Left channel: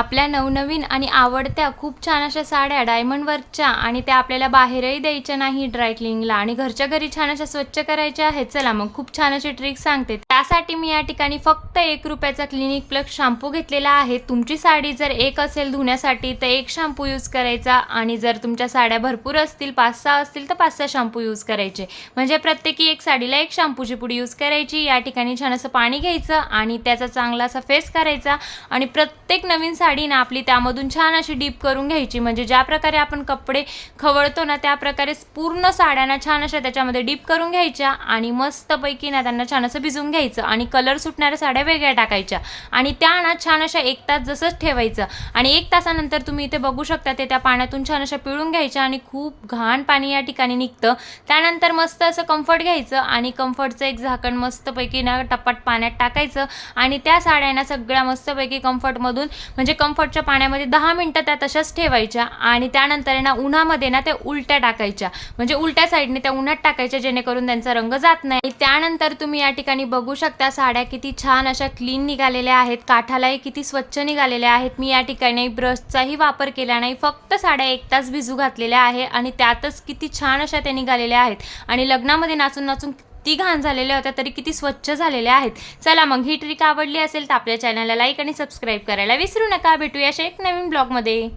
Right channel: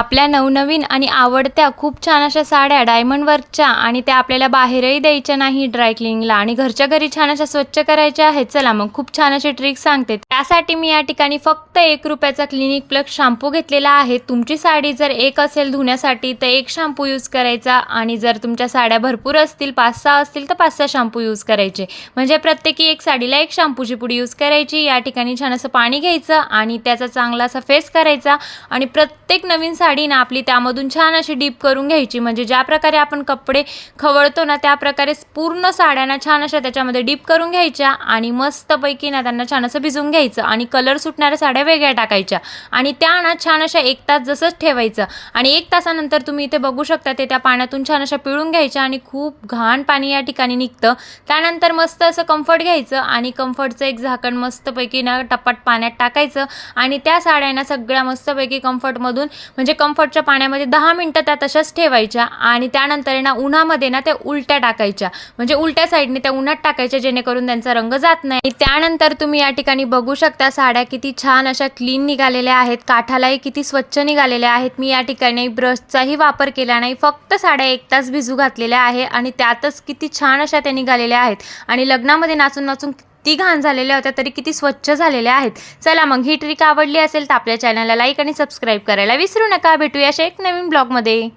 आपल्या नवनवीन आणि आवडत्या खूप छान अशा साड्या डायमंड वर्कच्या आणि त्या आपल्याला बाहेरही द्यायच्या नाही ड्राय क्लिनिंगला आणि घरच्या घरी छान अशा स्वच्छ करायच्या आहेत. चला मग खूप छान अशी ट्रिक सांगते. त्यासाठी मी या ठिकाणी फक्त 1 रुपयाचा क्लिनिक प्लस शॅम्पू घेतलेला आहे. तुमची साडी जर एक असेल धुण्यासाठी तर 1 शॅम्पू यूज करायचा आणि जर तुमच्या साड्या भरपूर असतील 5-6 असतील तर 5-6 शॅम्पू यूज करायचे. म्हणजे प्रत्येकी एक साडीला 1 शॅम्पूची पुडी यूज करायची. या ठिकाणी छान असं पाणी घ्यायचं आणि त्याचा चांगला असा फेस करायचा आणि प्रत्येक नवीन साडी ना आपली त्यामधून छान अशी डीप करून घ्यायची. म्हणजे ज्या प्रकारे आपण कपडे खवळतो ना त्या प्रकारे पूर्ण साड्यांना छान अशा त्याच्यामध्ये डीप करून घ्यायच्या आणि मस्तपैकी ना त्यांना छान असं भिजून घ्यायचं आणि कलर सुटणाऱ्या साड्या वेगळ्या टाकायच्या आणि त्या ना छान अशा 1 तास जसंच ठेवायचं आणि 1 तासानंतर तुम्ही इथे बघू शकता ते त्या पाण्यातून छान अशा पिळून घ्यायच्या आणि खूप घाण पाणी या ठिकाणी निघतं. त्यानंतर मस्त असं कम्फर्ट घ्यायचं आणि कम्फर्टचं एक झाकण मस्तपैकी ना टपाट पाण्यात टाकायचं आणि त्या साड्यांना सगळ्या मस्तपैकी कम्फर्टमधून म्हणजे कम्फर्टच्या पाण्यामध्ये 10 मिनिटं त्या तशाच ठेवायच्या आणि त्यानंतर ना उन्हामध्ये ना त्या उलट्या टाकायच्या. म्हणजे उलट्या साईडने त्या उन्हात टाकायच्या जेणेकरून त्यांचा रंग जात नाही. त्यानंतर तुम्ही या ठिकाणी बघू शकता साड्या किती छान अशा क्लीन निघालेल्या आहेत. काठालाही किती स्वच्छ निघालेल्या आहेत. मी या ठिकाणी ब्रशचाही वापर केला नाही. फक्त साड्या 1 तास भिजू घातलेल्या आहे आणि त्यातच किती छान अशा त्या निघालेल्या आहेत आणि लग्नामध्ये नाचून नाचून ती घाण झालेल्या होत्या तरी किती स्वच्छ झालेल्या आहेत. चला मग ही ट्रिक आवडली असेल तर आपल्या चॅनलला लाईक आणि सबस्क्राईब करायला विसरू नका. भेटूया अशा एक नवीन ब्लॉगमध्ये.